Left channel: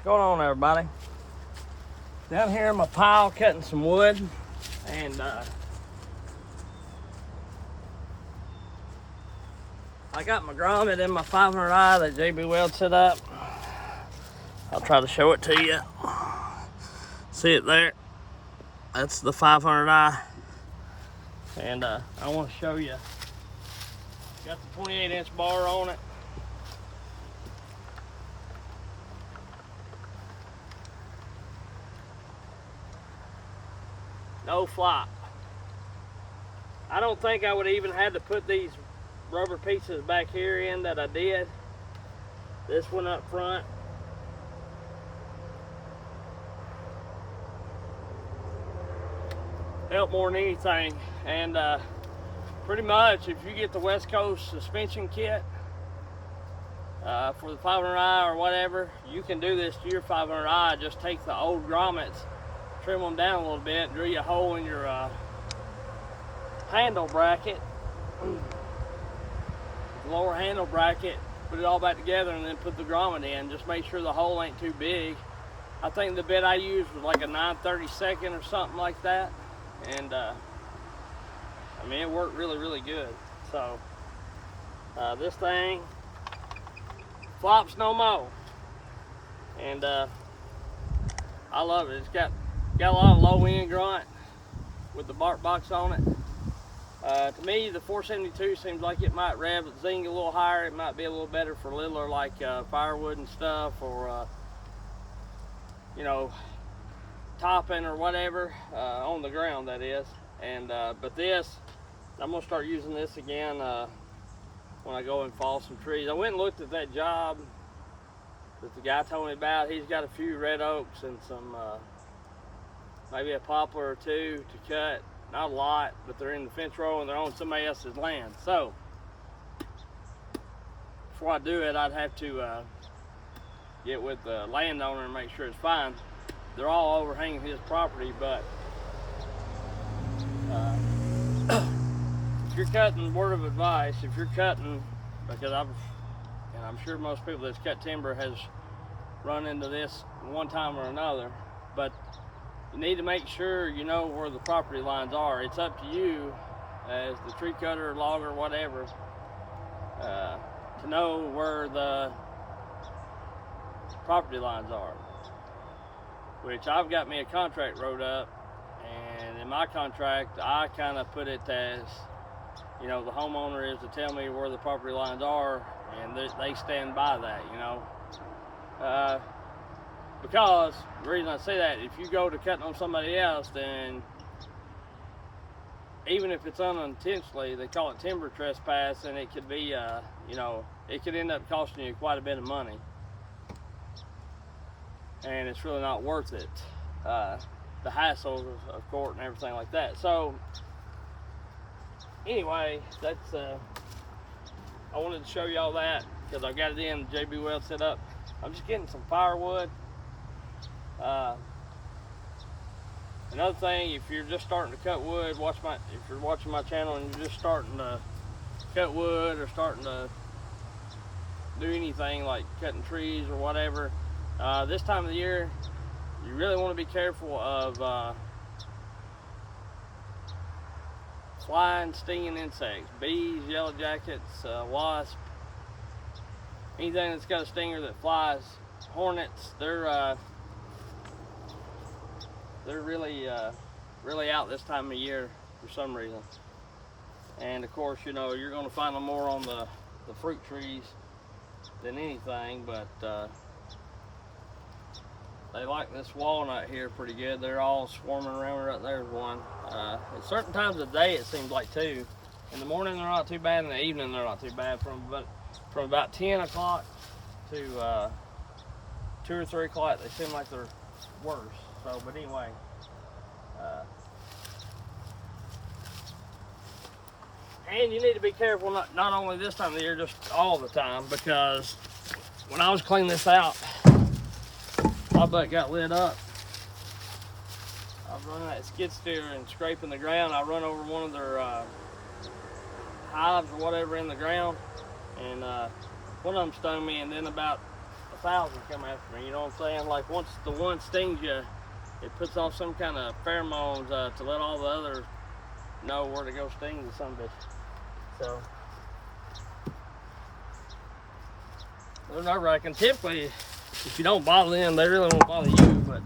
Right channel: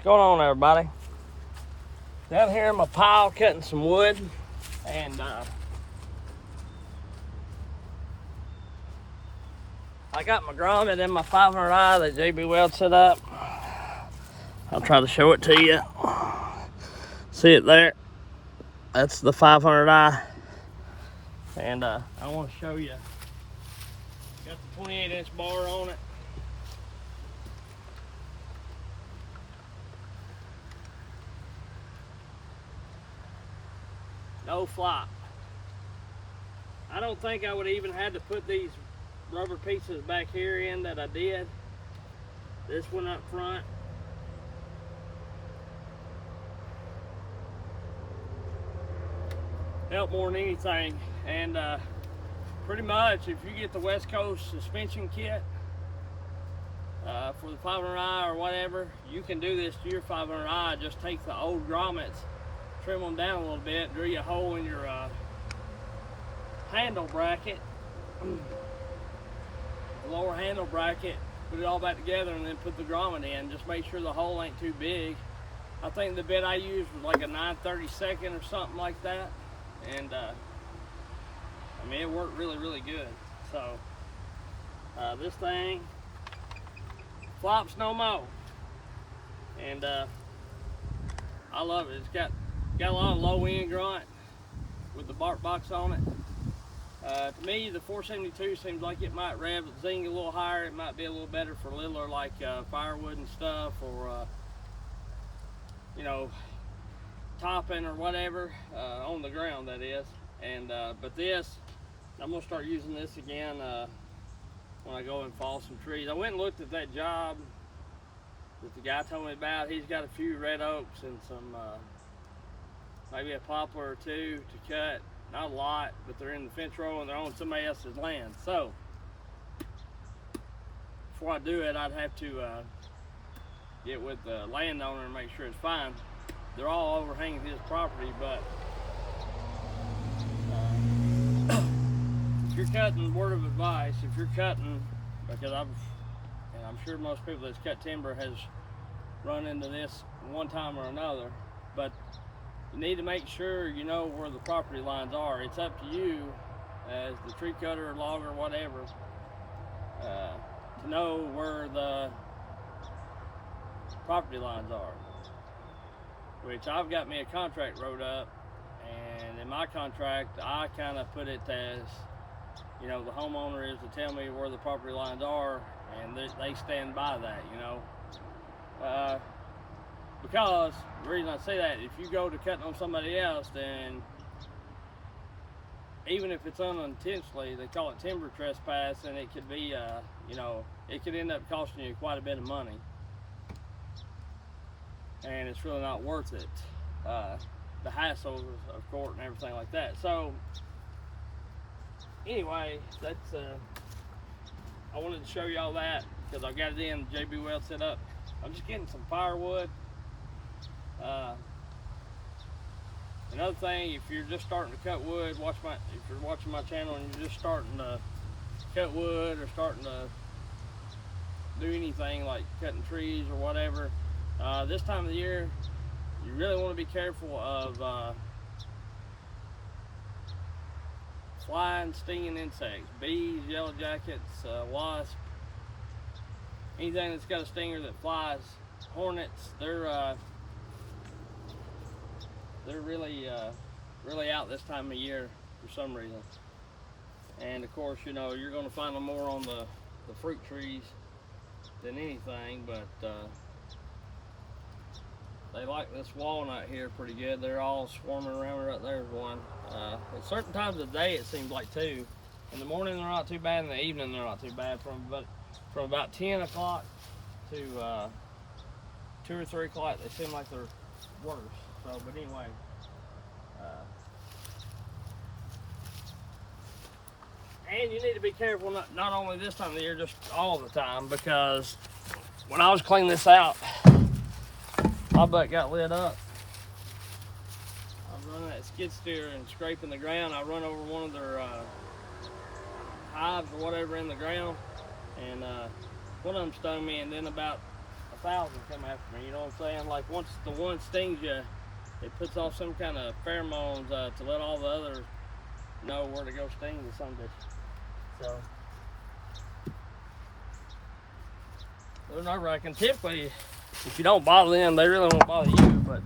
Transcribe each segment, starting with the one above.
What's going on, everybody? Down here in my pile cutting some wood, and I got my grommet in my 500i that JB Weld set up. I'll try to show it to you. See it there? That's the 500i, and I want to show you. Got the 28-inch bar on it. No flop. I don't think I would even had to put these rubber pieces back here in that I did. This one up front. Helped more than anything. And pretty much if you get the West Coast suspension kit for the 500i or whatever, you can do this to your 500i. Just take the old grommets, trim them down a little bit, drill you a hole in your handle bracket, lower handle bracket, put it all back together, and then put the grommet in. Just make sure the hole ain't too big. I think the bit I used was like a 9/32 or something like that, and I mean, it worked really good. So this thing flops no more, and I love it. It's got a lot of low end grunt with the bark box on it. To me, the 472 seems like it might rev the zing a little higher. It might be a little better for littler like firewood and stuff, or you know, topping or whatever on the ground, that is. And but this, I'm gonna start using this again when I go and fall some trees. I went and looked at that job that the guy told me about. He's got a few red oaks and some maybe a poplar or two to cut. Not a lot, but they're in the fence row and they're on somebody else's land. So before I do it, I'd have to get with the landowner and make sure it's fine. They're all overhanging his property, but if you're cutting, word of advice, if you're cutting, because I'm sure most people that's cut timber has run into this one time or another, but you need to make sure you know where the property lines are. It's up to you as the tree cutter, logger, whatever, to know where the property lines are. Which I've got me a contract wrote up, and in my contract I kind of put it as, you know, the homeowner is to tell me where the property lines are, and they stand by that, you know. Because the reason I say that, if you go to cutting on somebody else, then even if it's unintentionally, they call it timber trespass, and it could be, you know, it could end up costing you quite a bit of money, and it's really not worth it. The hassle of court and everything like that. So anyway, that's I wanted to show y'all that because I got it in JB Weld set up. I'm just getting some firewood. Another thing, if you're just starting to cut wood, if you're watching my channel and you're just starting to cut wood or starting to do anything like cutting trees or whatever, this time of the year, you really want to be careful of flying, stinging insects, bees, yellow jackets, wasps, anything that's got a stinger that flies. Hornets, they're really out this time of year for some reason. And of course, you know, you're going to find them more on the fruit trees than anything, but they like this walnut here pretty good. They're all swarming around. Right there's one. At certain times of day, it seems like too. In the morning they're not too bad. In the evening they're not too bad. From about 10 o'clock to 2 or 3 o'clock, they seem like they're worse. So, but anyway, and you need to be careful not only this time of the year, just all the time, because when I was cleaning this out, my butt got lit up. I was running that skid steer and scraping the ground. I run over one of their hives or whatever in the ground, and one of them stung me, and then about a 1,000 come after me, you know what I'm saying? Like once the one stings you, it puts off some kind of pheromones to let all the others know where to go sting the son of a bitch. So they're nerve-wracking. Typically, if you don't bother them, they really won't bother you, but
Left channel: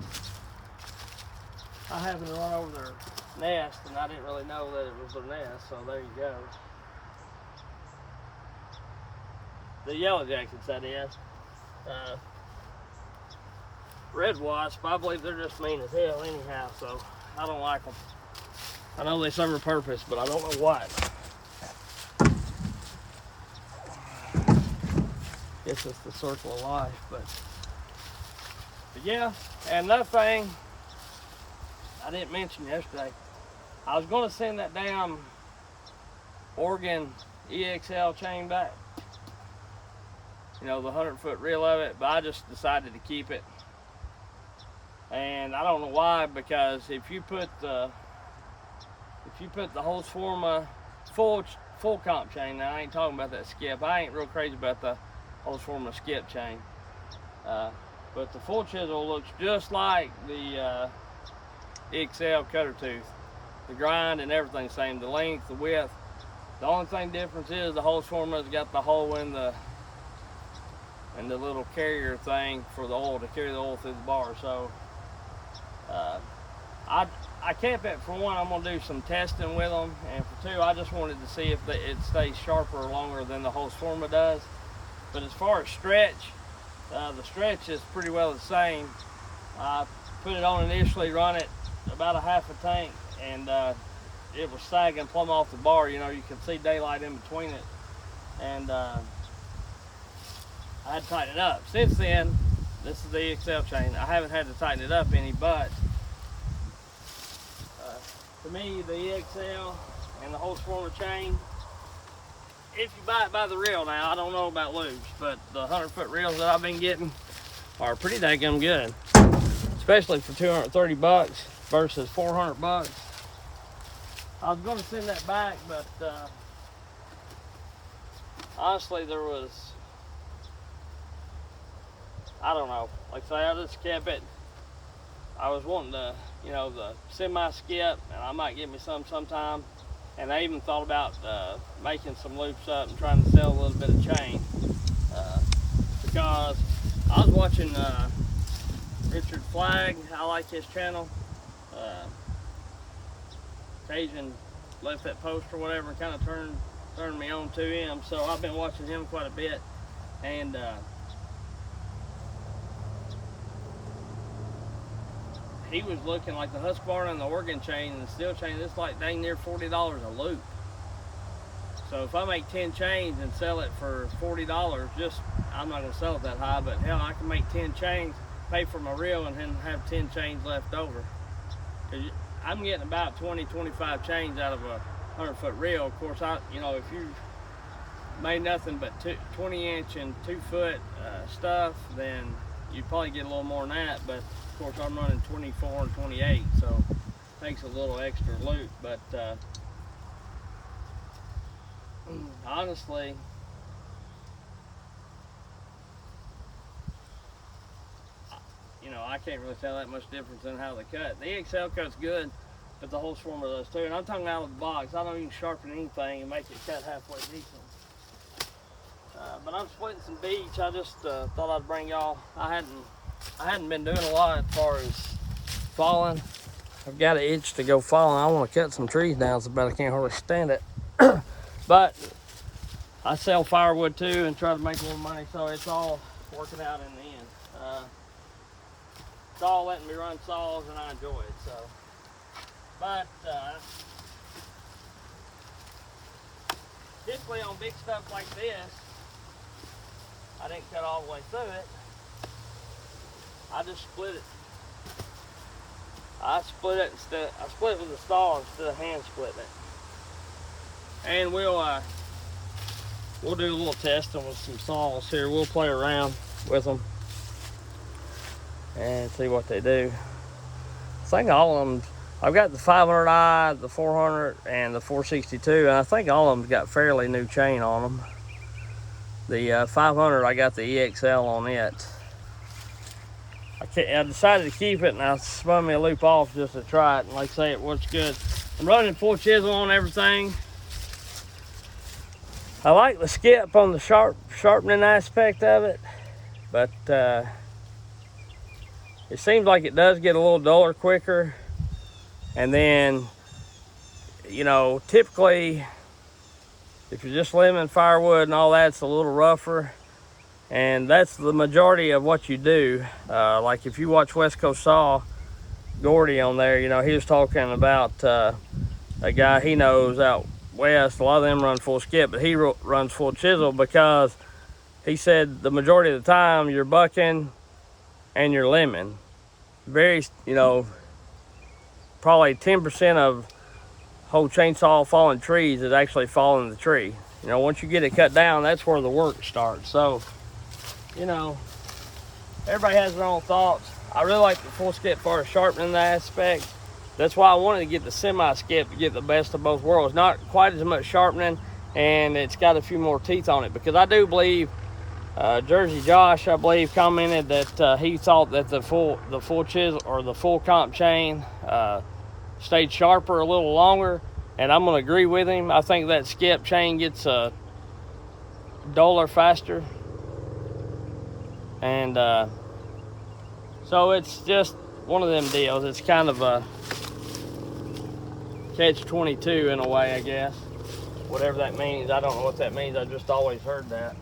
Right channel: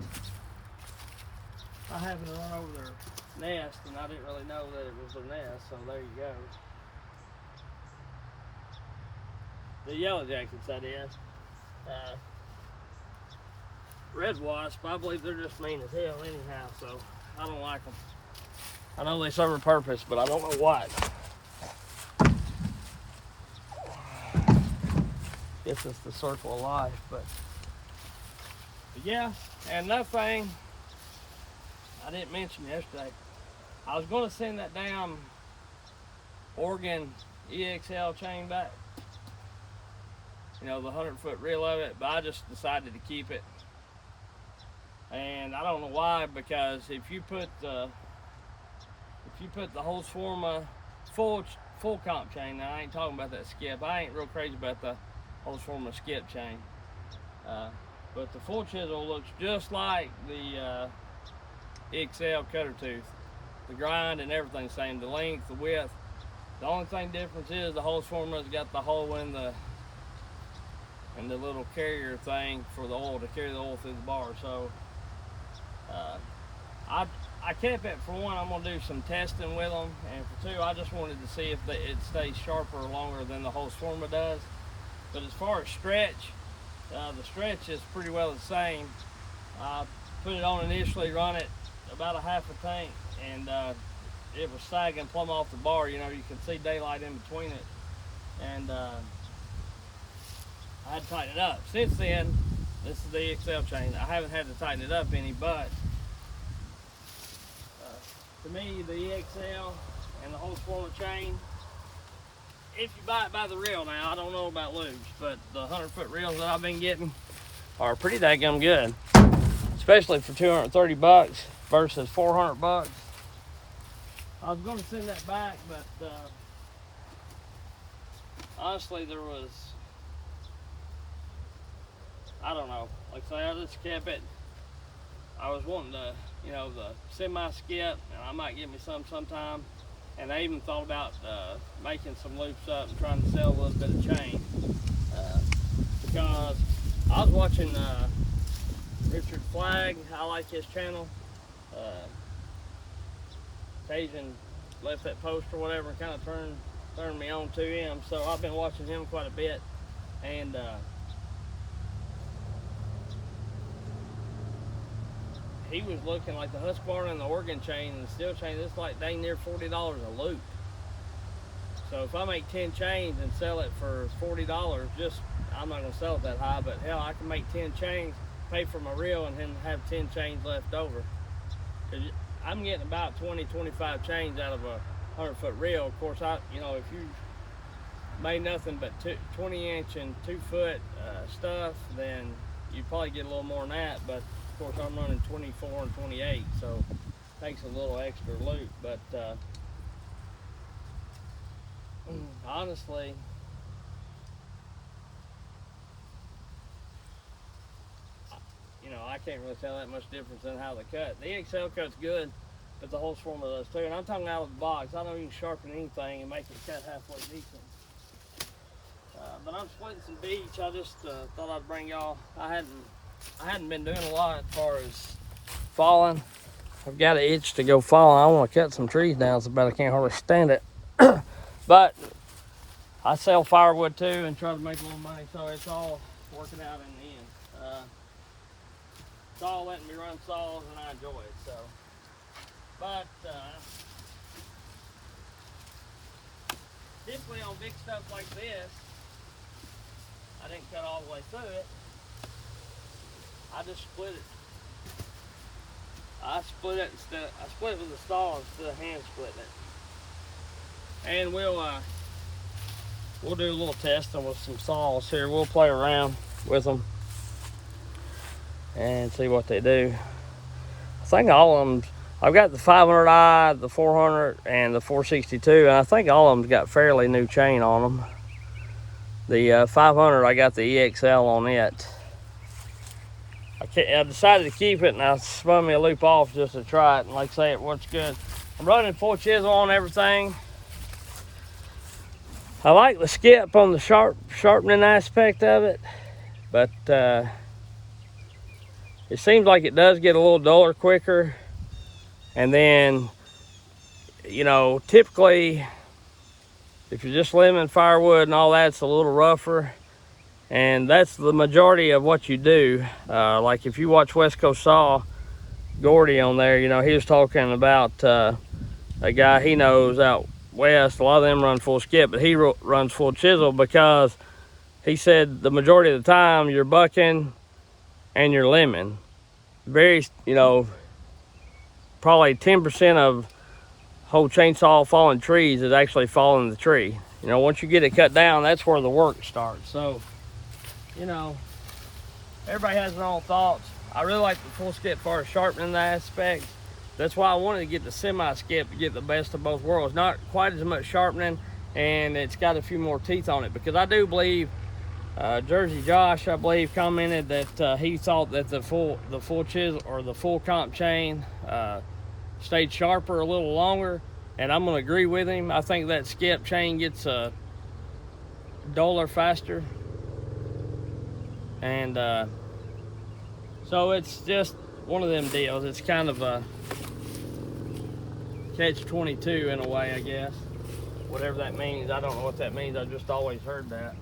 I happened to run over their nest and I didn't really know that it was their nest, so there you go. The yellow jackets, that is. Red wasp, I believe they're just mean as hell anyhow, so I don't like them. I know they serve a purpose, but I don't know why. Guess it's the circle of life, but yeah. And another thing I didn't mention yesterday, I was going to send that damn Oregon EXL chain back. You know, the 100-foot reel of it, but I just decided to keep it. And I don't know why, because if you put the Holzforma full comp chain, now I ain't talking about that skip. I ain't real crazy about the Holzforma skip chain. But the full chisel looks just like the XL cutter tooth. The grind and everything same, the length, the width. The only thing difference is the Holzforma's got the hole in the little carrier thing for the oil, to carry the oil through the bar. So I kept it. For one, I'm gonna do some testing with them, and for two, I just wanted to see if it stays sharper or longer than the Holzforma does. But as far as stretch, the stretch is pretty well the same. I put it on initially, run it about a half a tank, and it was sagging plumb off the bar. You know, you can see daylight in between it, and I had to tighten it up. Since then, this is the XL chain. I haven't had to tighten it up any, but to me, the EXL and the Holzforma chain, if you buy it by the reel now, I don't know about lubes, but the 100-foot reels that I've been getting are pretty daggum good, especially for 230 bucks versus 400 bucks. I was going to send that back, but honestly, there was, I don't know, like I say, I just kept it. I was wanting to, you know, the semi-skip, and I might get me some sometime. And I even thought about making some loops up and trying to sell a little bit of chain. Because I was watching Richard Flagg. I like his channel. Cajun left that post or whatever and kind of turned me on to him. So I've been watching him quite a bit. And he was looking like the Husqvarna and the Oregon chain and the steel chain. It's like dang near $40 a loop. So if I make 10 chains and sell it for $40, just, I'm not gonna sell it that high, but hell, I can make 10 chains, pay for my reel, and then have 10 chains left over. Cause I'm getting about 20, 25 chains out of a 100-foot reel. Of course, you know, if you made nothing but 20-inch and 2-foot stuff, then you'd probably get a little more than that. But of course, I'm running 24 and 28, so it takes a little extra loop. But honestly, you know, I can't really tell that much difference in how they cut. The XL cut's good, but the Holzforma does too. And I'm talking out of the box. I don't even sharpen anything and make it cut halfway decent. But I'm splitting some beech. I just thought I'd bring y'all. I hadn't been doing a lot as far as falling. I've got an itch to go falling. I want to cut some trees down so bad I can't hardly stand it. But I sell firewood too and try to make a little money, so it's all working out in the end. It's all letting me run saws and I enjoy it. So, but typically on big stuff like this, I didn't cut all the way through it. I just split it. I split it with a saw instead of hand splitting it. And we'll do a little testing with some saws here. We'll play around with them and see what they do. I think all of them, I've got the 500i, the 400, and the 462, and I think all of them got fairly new chain on them. The 500, I got the EXL on it. I decided to keep it, and I spun me a loop off just to try it, and like I say, it works good. I'm running full chisel on everything. I like the skip on the sharpening aspect of it, but it seems like it does get a little duller quicker. And then, you know, typically, if you're just limbing firewood and all that, it's a little rougher. And that's the majority of what you do. Like if you watch West Coast Saw, Gordy on there, you know, he was talking about a guy he knows out west. A lot of them run full skip, but he runs full chisel because he said the majority of the time you're bucking and you're limbing. Very, you know, probably 10% of whole chainsaw falling trees is actually falling the tree. You know, once you get it cut down, that's where the work starts. So, you know, everybody has their own thoughts. I really like the full skip for a sharpening aspect. That's why I wanted to get the semi-skip to get the best of both worlds. Not quite as much sharpening, and it's got a few more teeth on it, because I do believe Jersey Josh, I believe, commented that he thought that the full chisel or the full comp chain stayed sharper a little longer, and I'm going to agree with him. I think that skip chain gets duller faster, and so it's just one of them deals. It's kind of a catch-22 in a way, I guess. Whatever that means, I don't know what that means. I've just always heard that.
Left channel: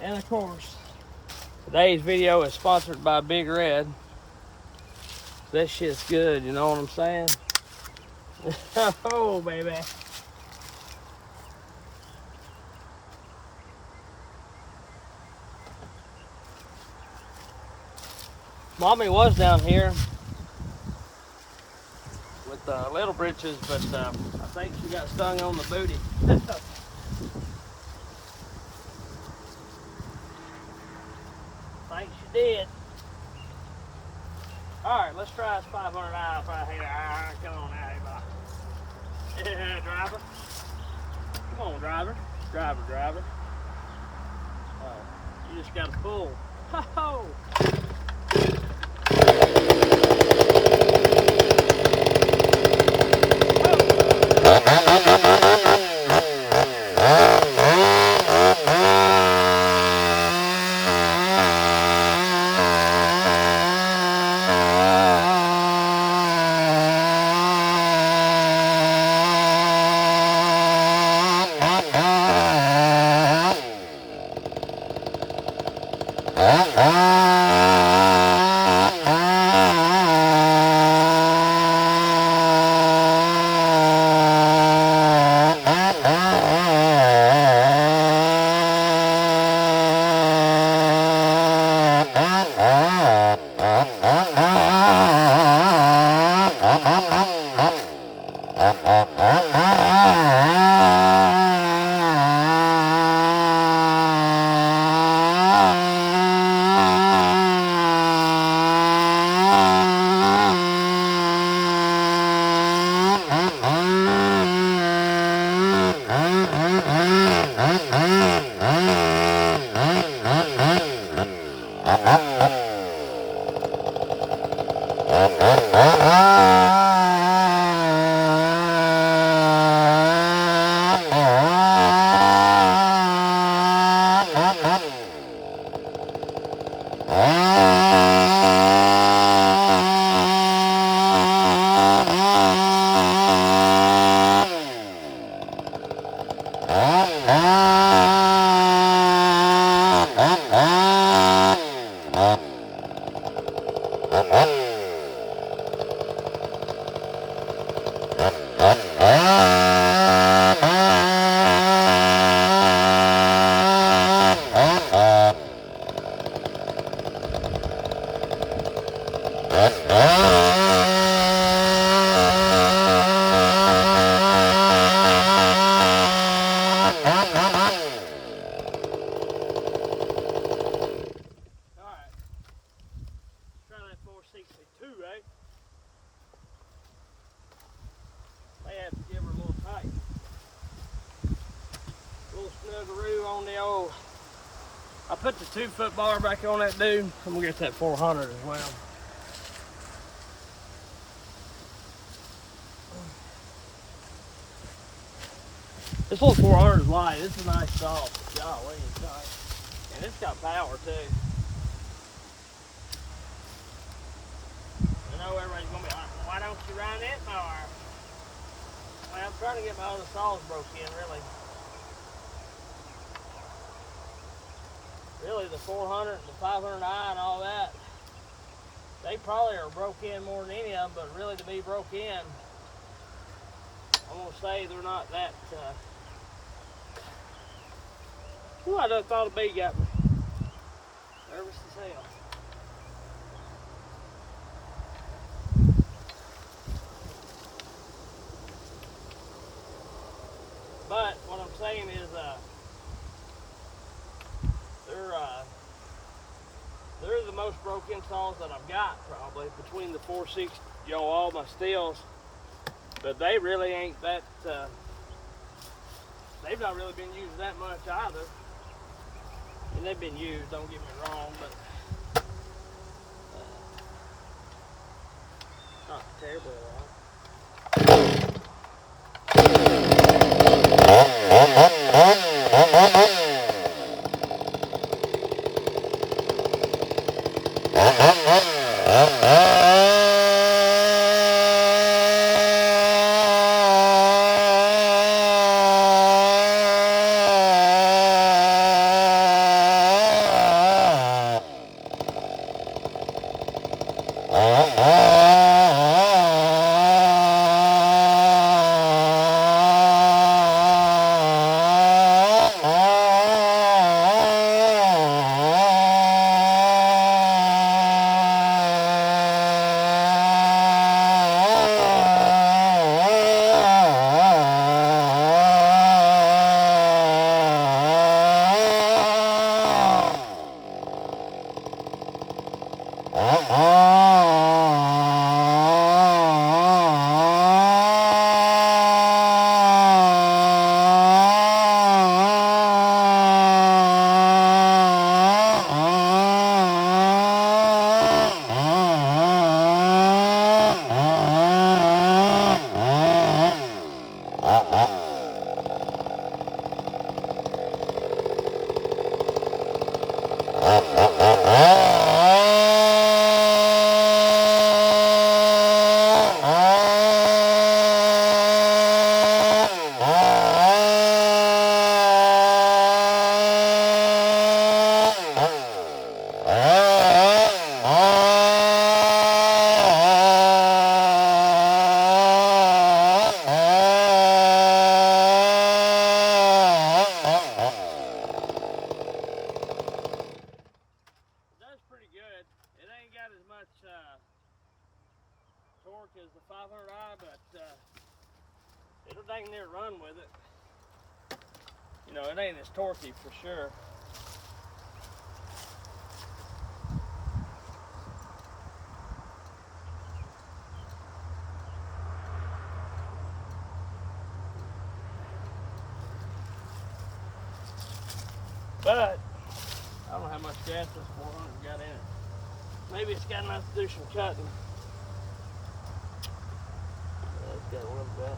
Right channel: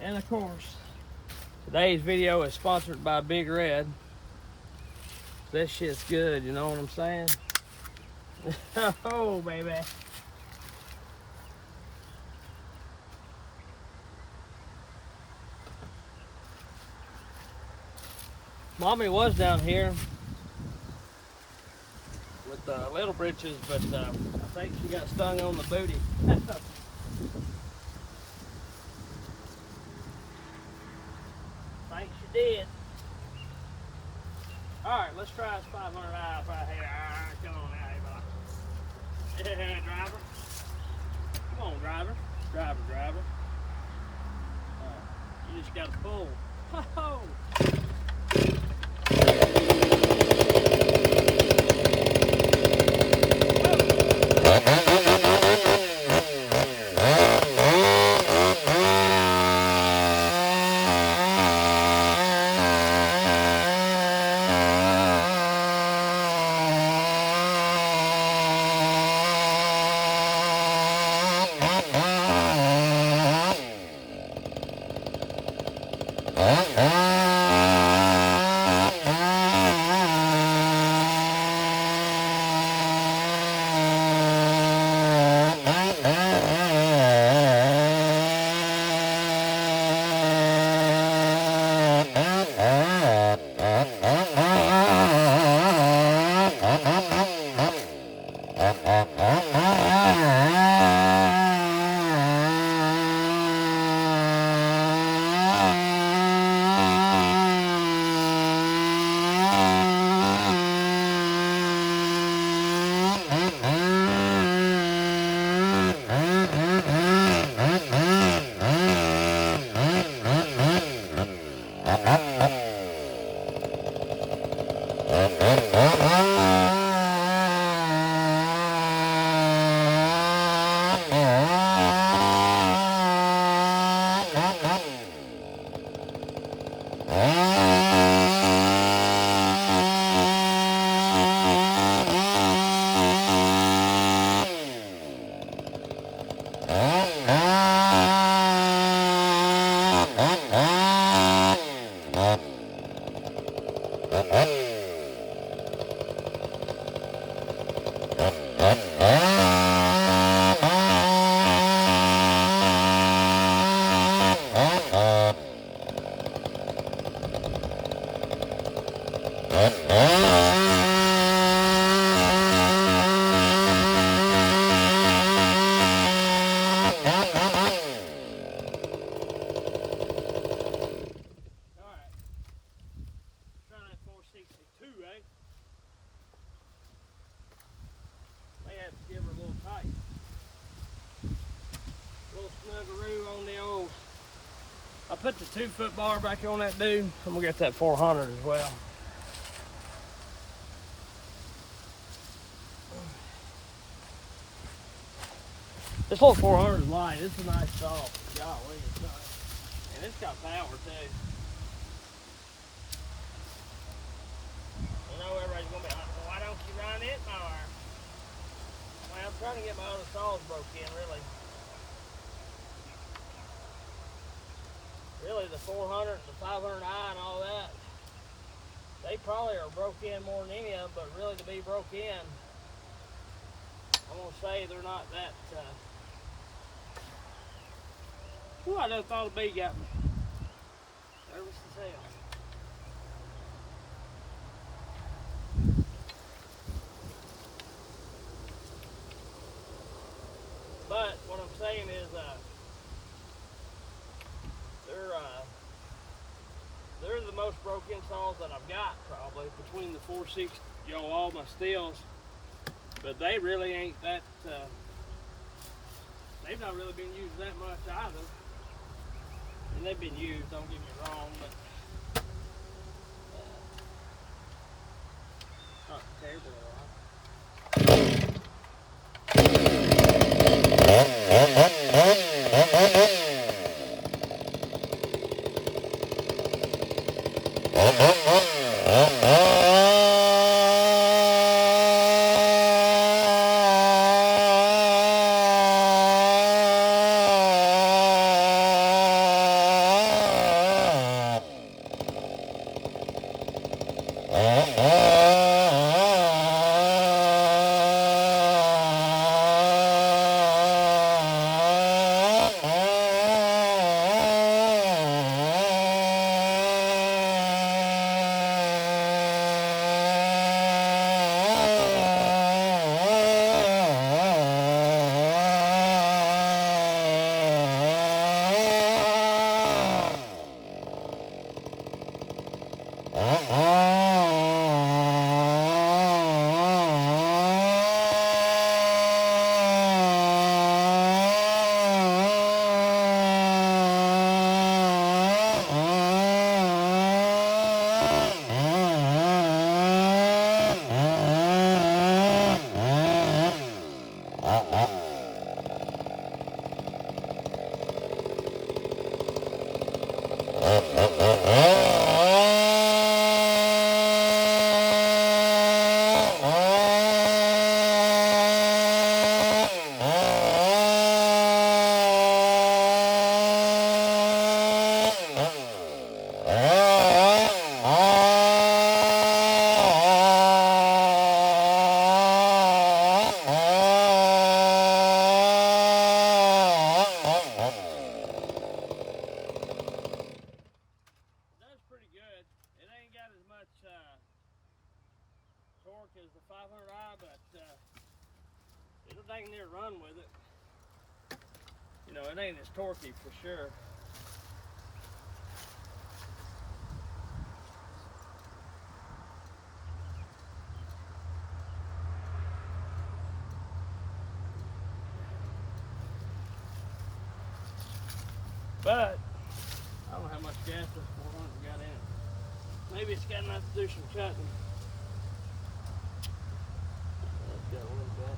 And of course, today's video is sponsored by Big Red. This shit's good, you know what I'm saying? Oh, baby. Mommy was down here with Little Britches, but I think she got stung on the booty. I think she did. Alright, let's try this 500 out right here. Alright, come on out here, boy. Yeah, driver. Come on, driver. Driver. You just gotta pull. Ho-ho! May have to give her a little tight. put the 2-foot bar back on that dude. I'm gonna get that 400 as well. This little 400 is light. It's a nice saw. Golly, it's nice. And it's got power too. I know everybody's gonna be like, well, why don't you run it more? Well, I'm trying to get my other saws broke in, really. Really, the 400 and the 500i and all that, they probably are broke in more than any of them, but really to be broke in, I'm gonna say they're not that, ooh, I done thought a bee got me. Nervous as hell. But what I'm saying is, they're the most broken saws that I've got, probably, between the 460, all my STIHLs. But they really ain't that, they've not really been used that much either. I mean, they've been used, don't get me wrong, but not terribly a lot. Torque as the 500i, but it'll dang near run with it. You know, it ain't as torquey for sure. But I don't know how much gas this 400 got in it. Maybe it's got enough to do some cutting. It's got a little bit.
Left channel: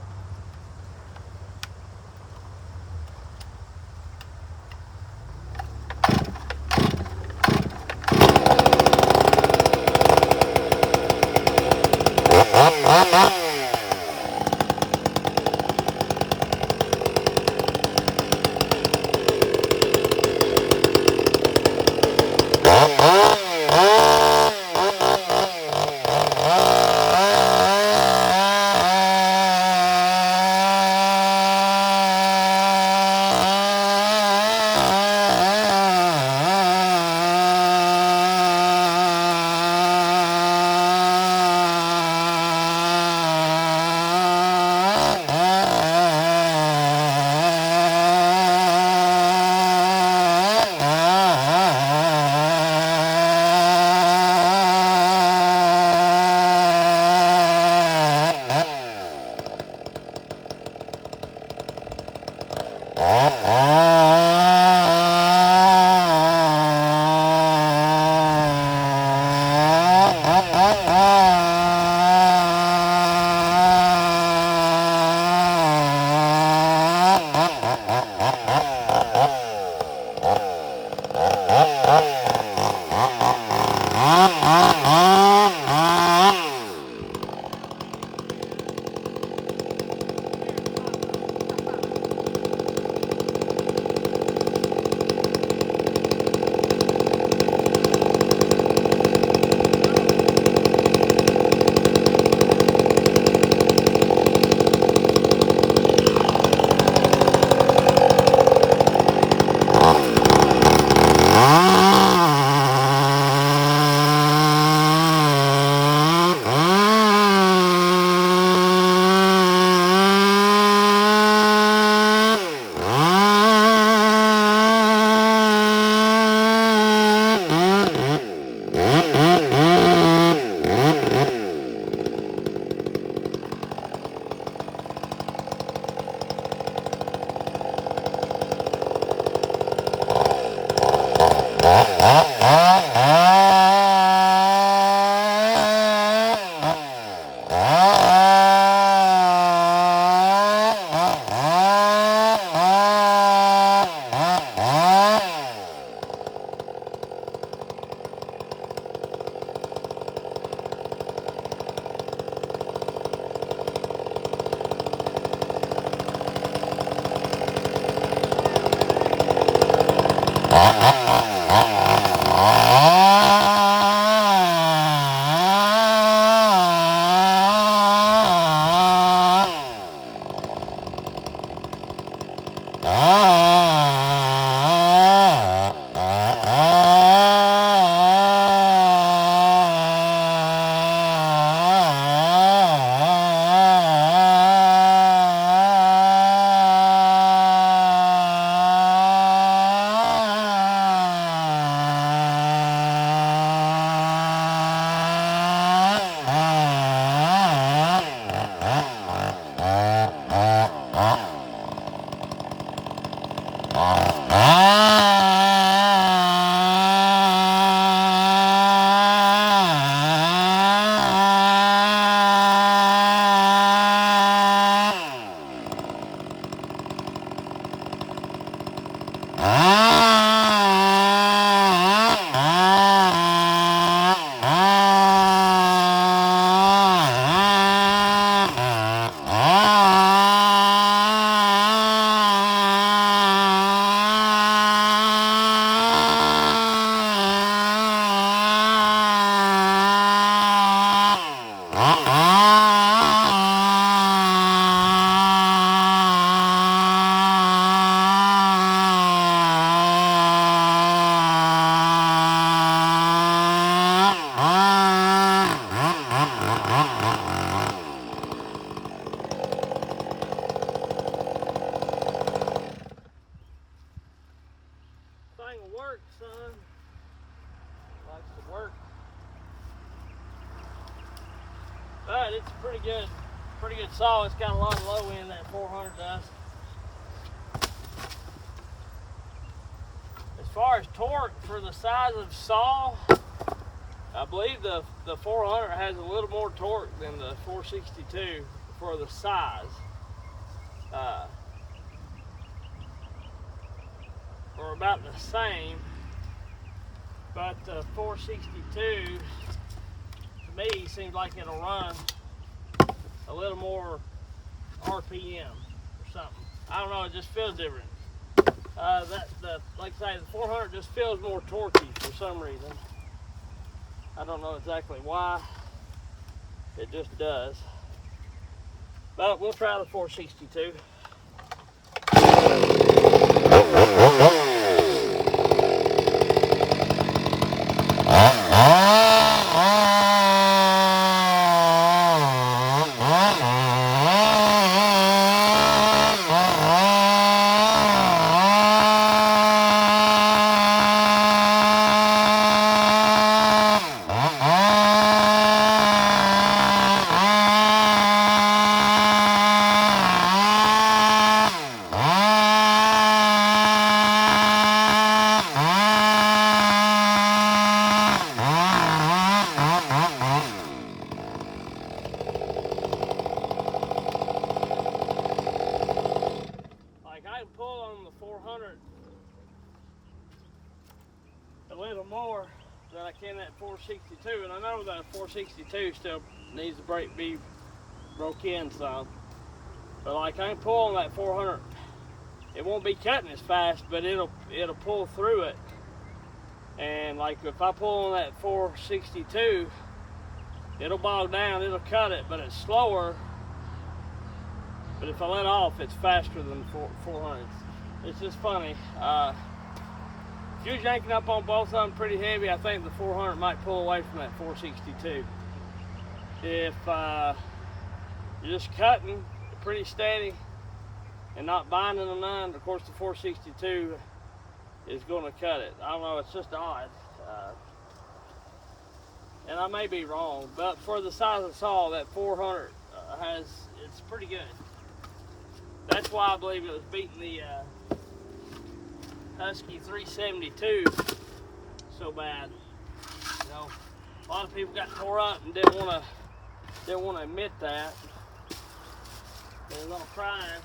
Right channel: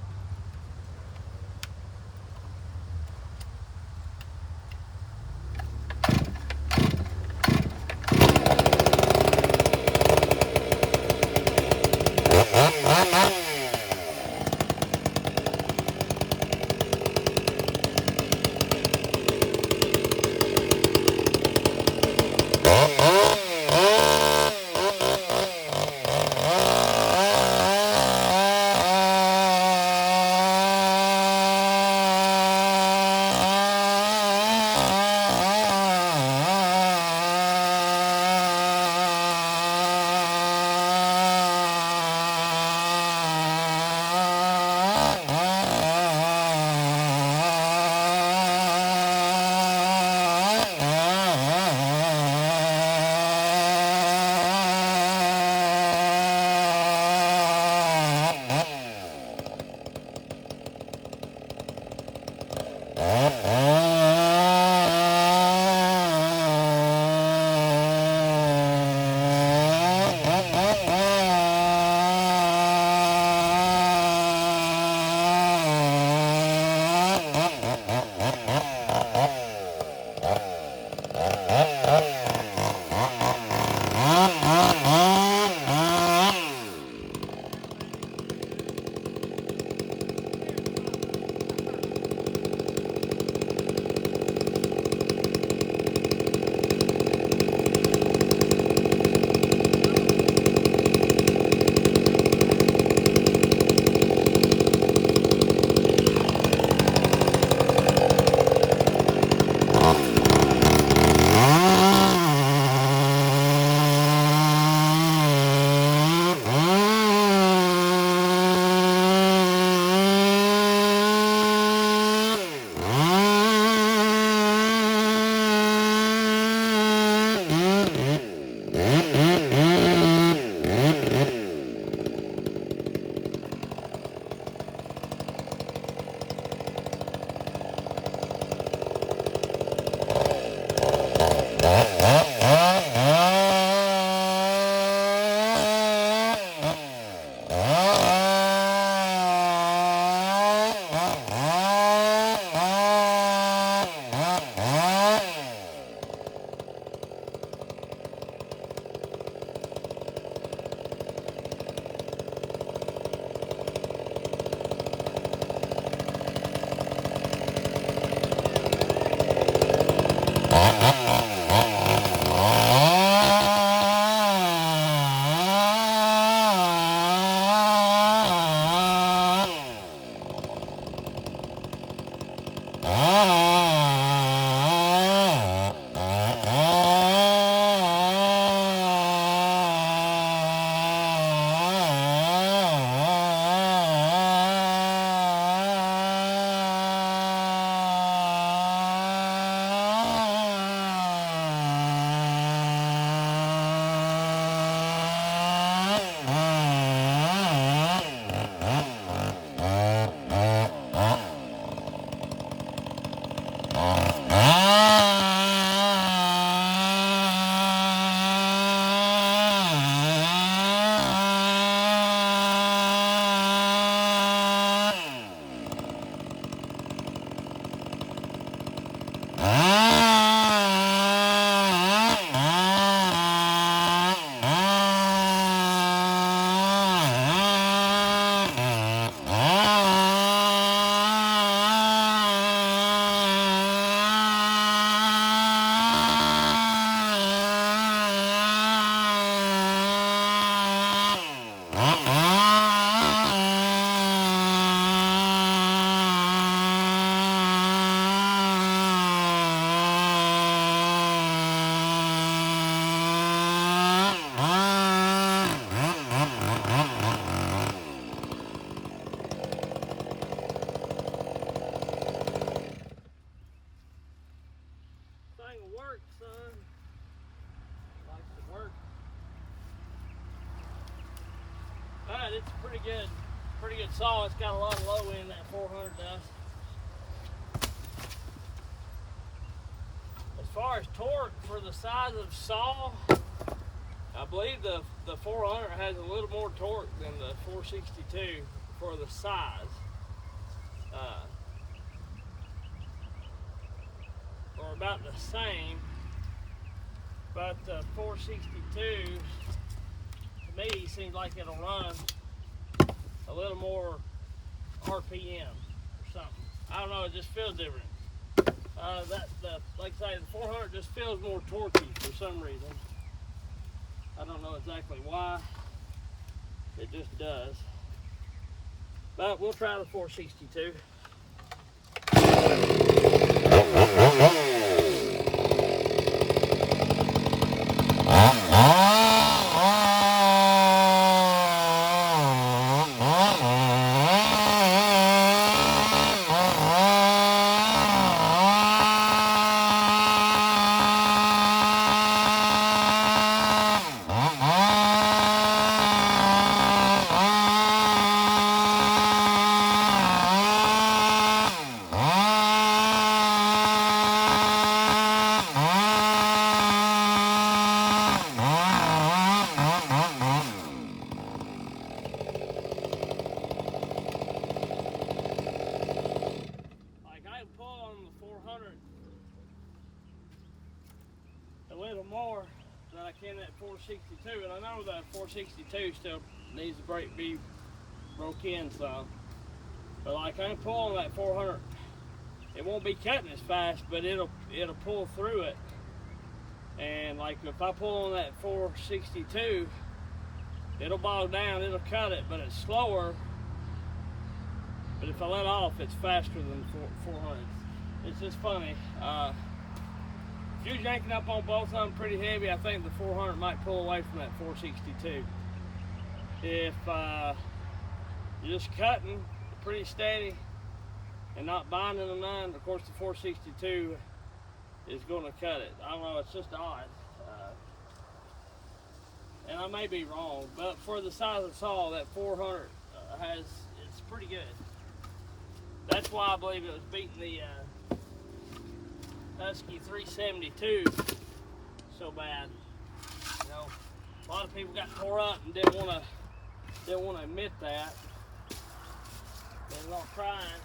Thing works, son. Likes to work. But it's pretty good saw. It's got a lot of low end, that 400 does. As far as torque for the size of saw, I believe the 400 has a little more torque than the 462 for the size. Or about the same, but the 462 to me seems like it'll run a little more RPM or something. I don't know, it just feels different. Like I say, the 400 just feels more torquey for some reason. I don't know exactly why, it just does. But we'll try the 462. A little more than I can that 462, and I know that 462 still needs to be broke in some, but like I can pull on that 400, it won't be cutting as fast, but it'll pull through it. And like if I pull on that 462, it'll bog down, it'll cut it, but it's slower. But if I let off, it's faster than 400. It's just funny. If you're yanking up on both of them pretty heavy, I think the 400 might pull away from that 462. If you're just cutting pretty steady and not binding them none, of course the 462 is going to cut it. I don't know, it's just odd. And I may be wrong, but for the size of the saw, that 400 it's pretty good. That's why I believe it was beating the Husky 372 so bad. You know, a lot of people got tore up and didn't want to admit that. They're not crying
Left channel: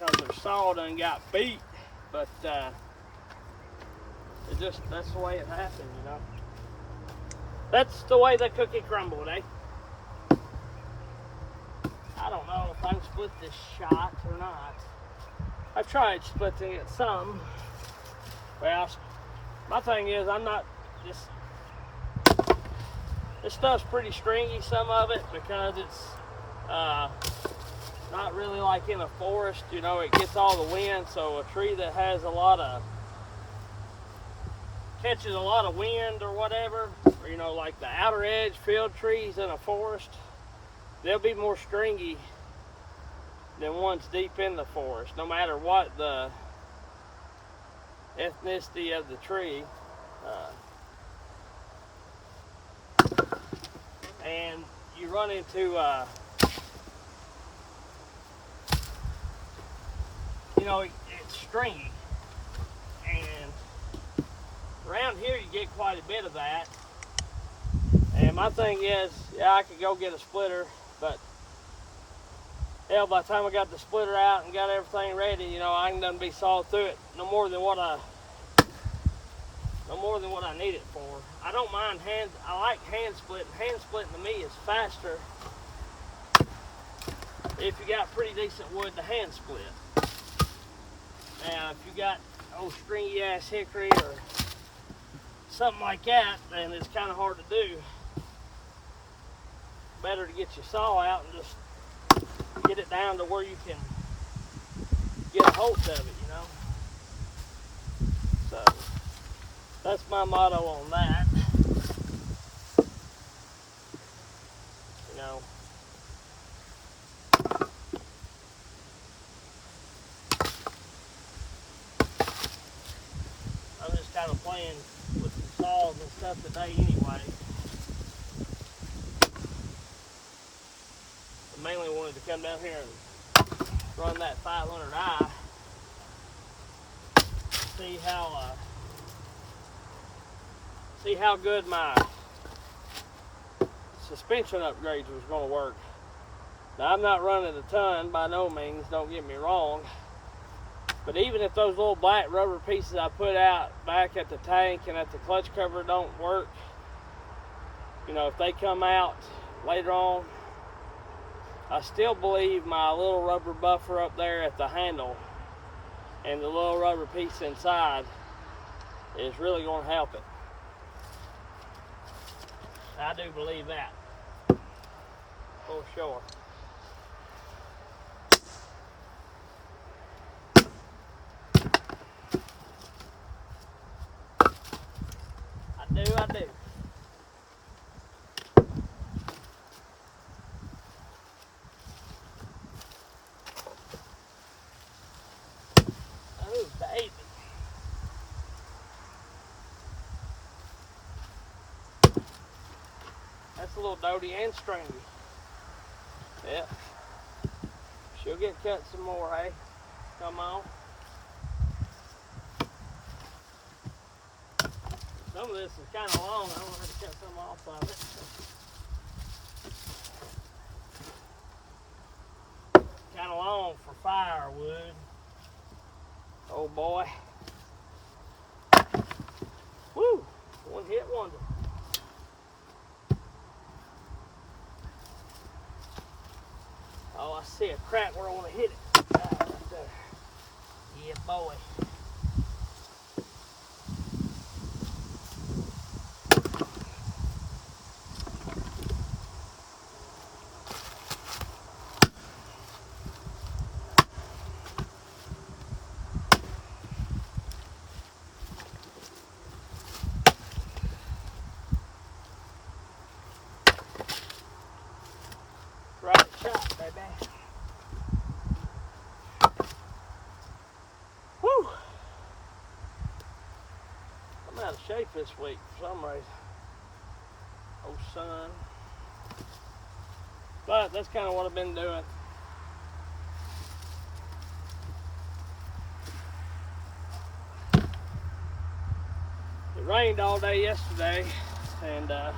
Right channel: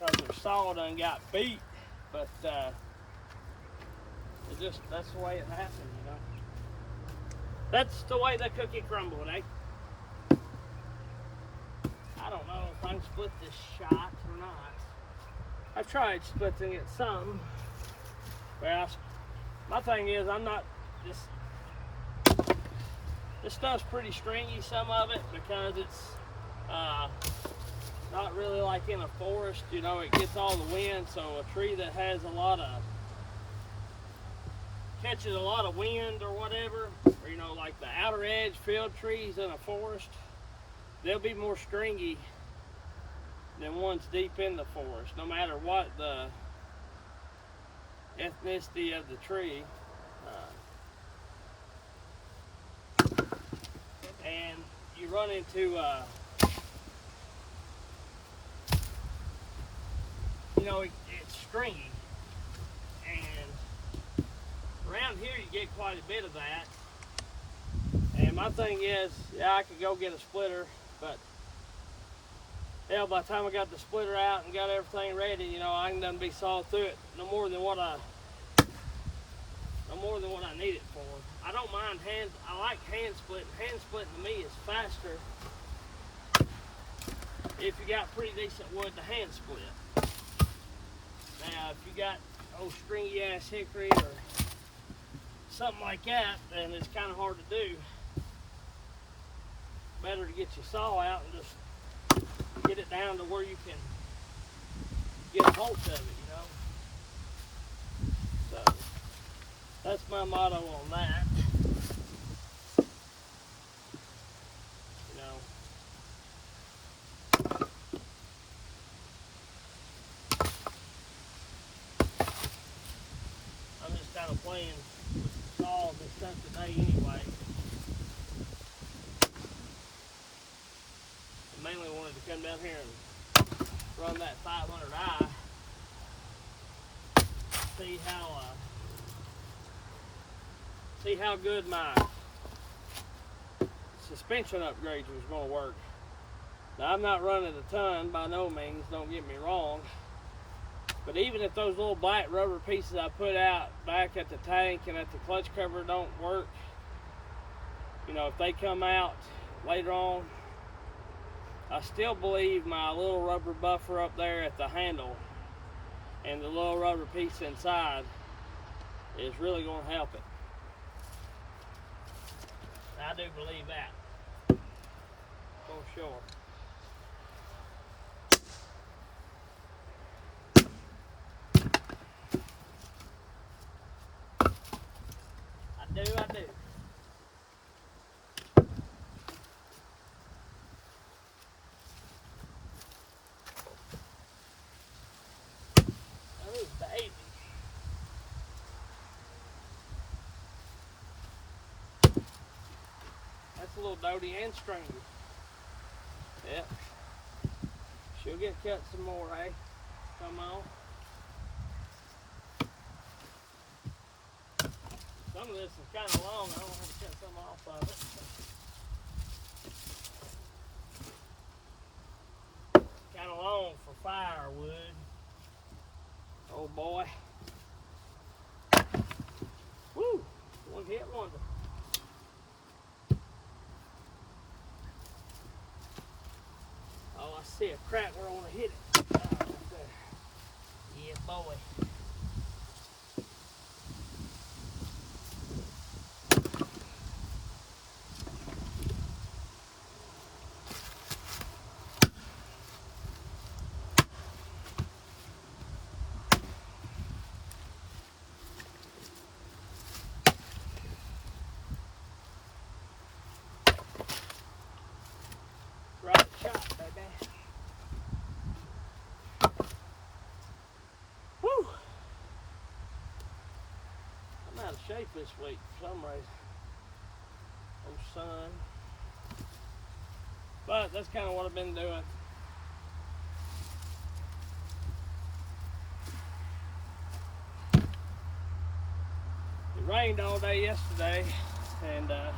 because their saw done got beat, but that's the way it happened, you know. That's the way the cookie crumbled, eh? I don't know if I can split this shot or not. I've tried splitting it some. Well, my thing is, I'm not just. This stuff's pretty stringy, some of it, because it's not really like in a forest. You know, it gets all the wind, so a tree that has catches a lot of wind or whatever, or, you know, like the outer edge field trees in a forest, they'll be more stringy than ones deep in the forest, no matter what the ethnicity of the tree. And you run into, you know, it's stringy. And around here you get quite a bit of that. And my thing is, yeah, I could go get a splitter, but hell, by the time I got the splitter out and got everything ready, you know, I can done be sawed through it no more than what I need it for. I don't mind I like hand splitting. Hand splitting to me is faster if you got pretty decent wood to hand split. Now, if you got old stringy ass hickory or something like that, then it's kind of hard to do. Better to get your saw out and just get it down to where you can get a hold of it, you know. So that's my motto on that. You know. I'm just kind of playing with the saws and stuff today anyway. I mainly wanted to come down here and run that 500i. See how good my suspension upgrades was going to work. Now, I'm not running a ton by no means, don't get me wrong, but even if those little black rubber pieces I put out back at the tank and at the clutch cover don't work, you know, if they come out later on, I still believe my little rubber buffer up there at the handle and the little rubber piece inside is really going to help it. I do believe that, for sure. I do. Oh, baby. That's a little doty and stringy. Yep. She'll get cut some more, hey? Come on. Some of this is kind of long. I want her to cut some off of it. Kind of long for firewood. Oh boy. Woo! One hit wonder. Oh, I see a crack where I want to hit it. Right there. Yeah, boy. Right shot, baby. Woo! I'm out of shape this week for some reason. Oh, son. But that's kind of what I've been doing. It rained all day yesterday, and I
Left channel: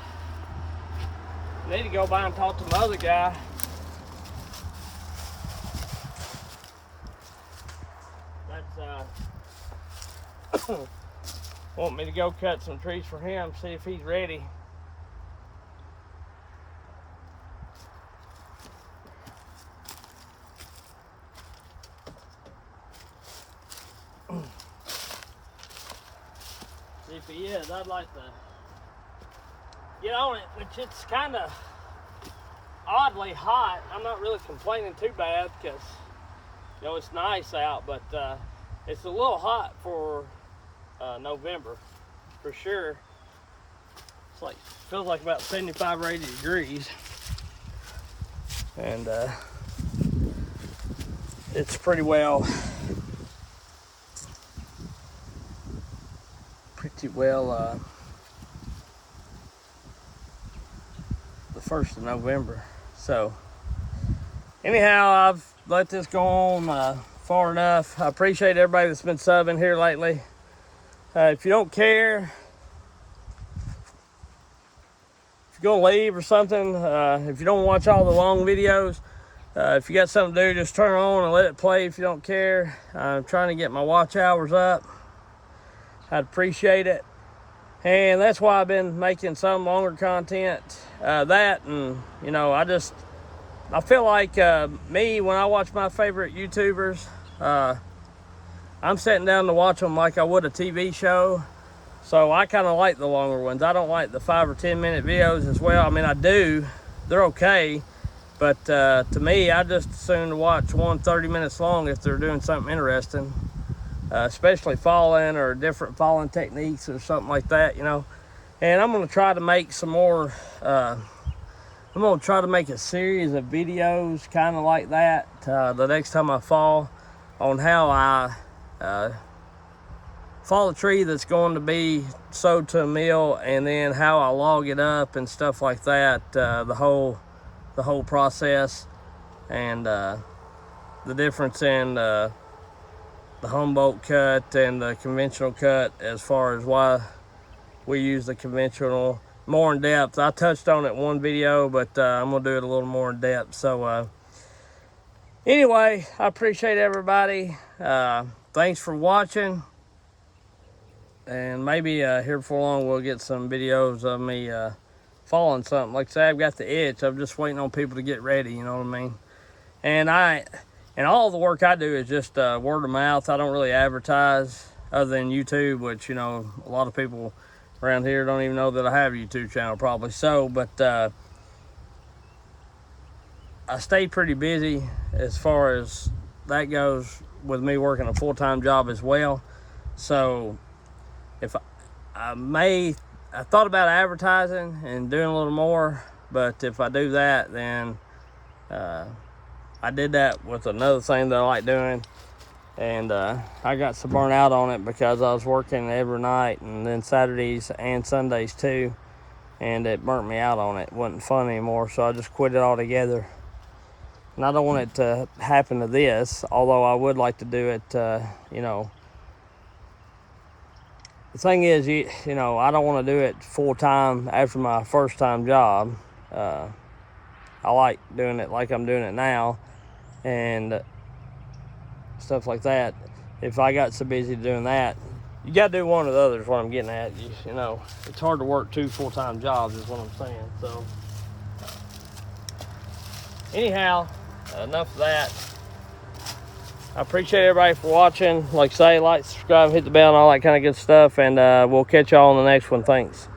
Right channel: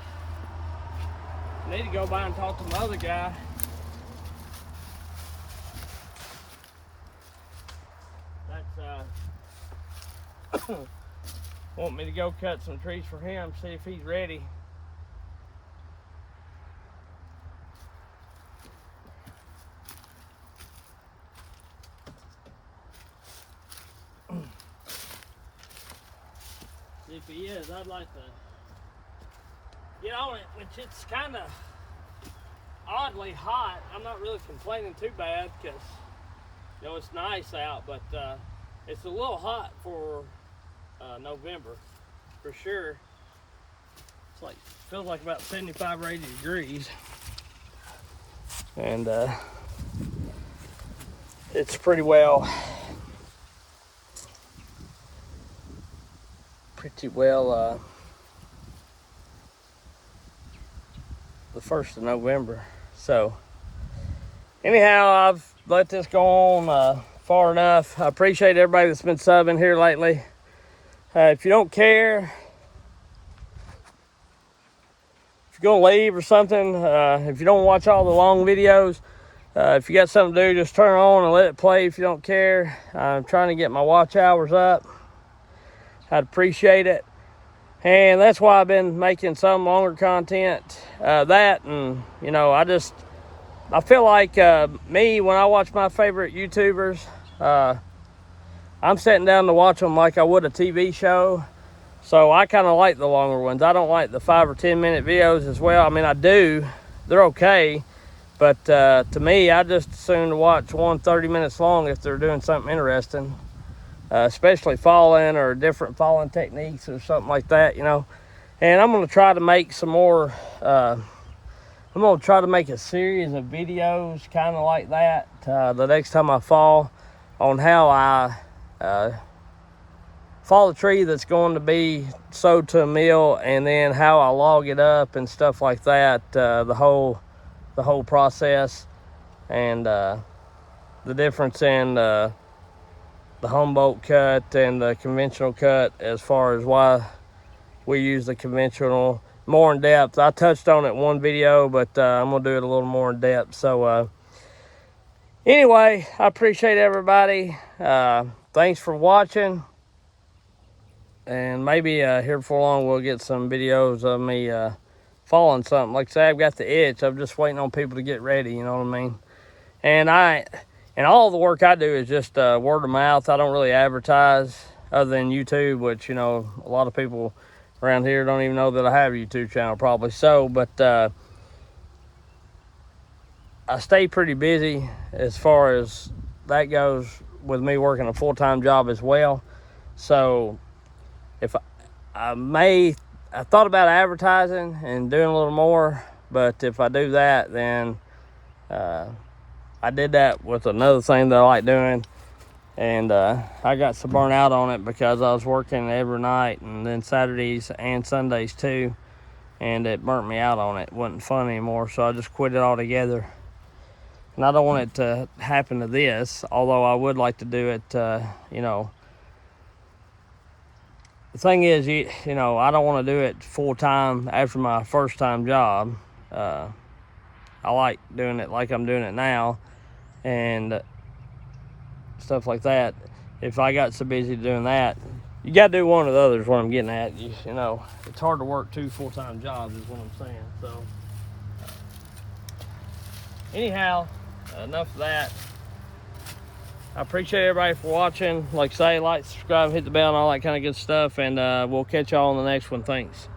need to go by and talk to my other guy. That's want me to go cut some trees for him, see if he's ready. If he is, I'd like to get on it, which it's kind of oddly hot. I'm not really complaining too bad because, you know, it's nice out, but it's a little hot for November, for sure. It's like, feels like about 75 or 80 degrees. And it's pretty well the 1st of November. So anyhow, I've let this go on far enough. I appreciate everybody that's been subbing here lately. If you don't care, if you're gonna leave or something, if you don't watch all the long videos, if you got something to do, just turn it on and let it play if you don't care. I'm trying to get my watch hours up. I'd appreciate it. And that's why I've been making some longer content. That, and you know, I feel like me, when I watch my favorite YouTubers, I'm sitting down to watch them like I would a TV show. So I kind of like the longer ones. I don't like the 5 or 10 minute videos as well. I mean, I do. They're okay. But to me, I just assume to watch one 30 minutes long if they're doing something interesting. Especially falling or different falling techniques or something like that, you know. And I'm going to try to make some more, I'm going to try to make a series of videos kind of like that the next time I fall, on how I fall a tree that's going to be sowed to a mill, and then how I log it up and stuff like that, the whole process, and the difference in the Humboldt cut and the conventional cut, as far as why we use the conventional more in depth. I touched on it in one video, but I'm gonna do it a little more in depth. So anyway, I appreciate everybody. Thanks for watching, and maybe here before long we'll get some videos of me falling something. Like I say, I've got the itch. I'm just waiting on people to get ready, you know what I mean? And all the work I do is just word of mouth. I don't really advertise other than YouTube, which, you know, a lot of people around here don't even know that I have a YouTube channel probably. So, but I stay pretty busy as far as that goes, with me working a full-time job as well. So if I thought about advertising and doing a little more, but if I do that, then I did that with another thing that I like doing, and I got so burnt out on it because I was working every night, and then Saturdays and Sundays too, and it burnt me out on it. It wasn't fun anymore, so I just quit it altogether. And I don't want it to happen to this, although I would like to do it, you know. The thing is, you know, I don't want to do it full-time after my first-time job. I like doing it like I'm doing it now, and stuff like that. If I got so busy doing that, you got to do one of the others. What I'm getting at, you know, it's hard to work 2 full-time jobs is what I'm saying. So anyhow, enough of that. I appreciate everybody for watching. Like I say, like, subscribe, hit the bell, and all that kind of good stuff, and we'll catch y'all on the next one. Thanks.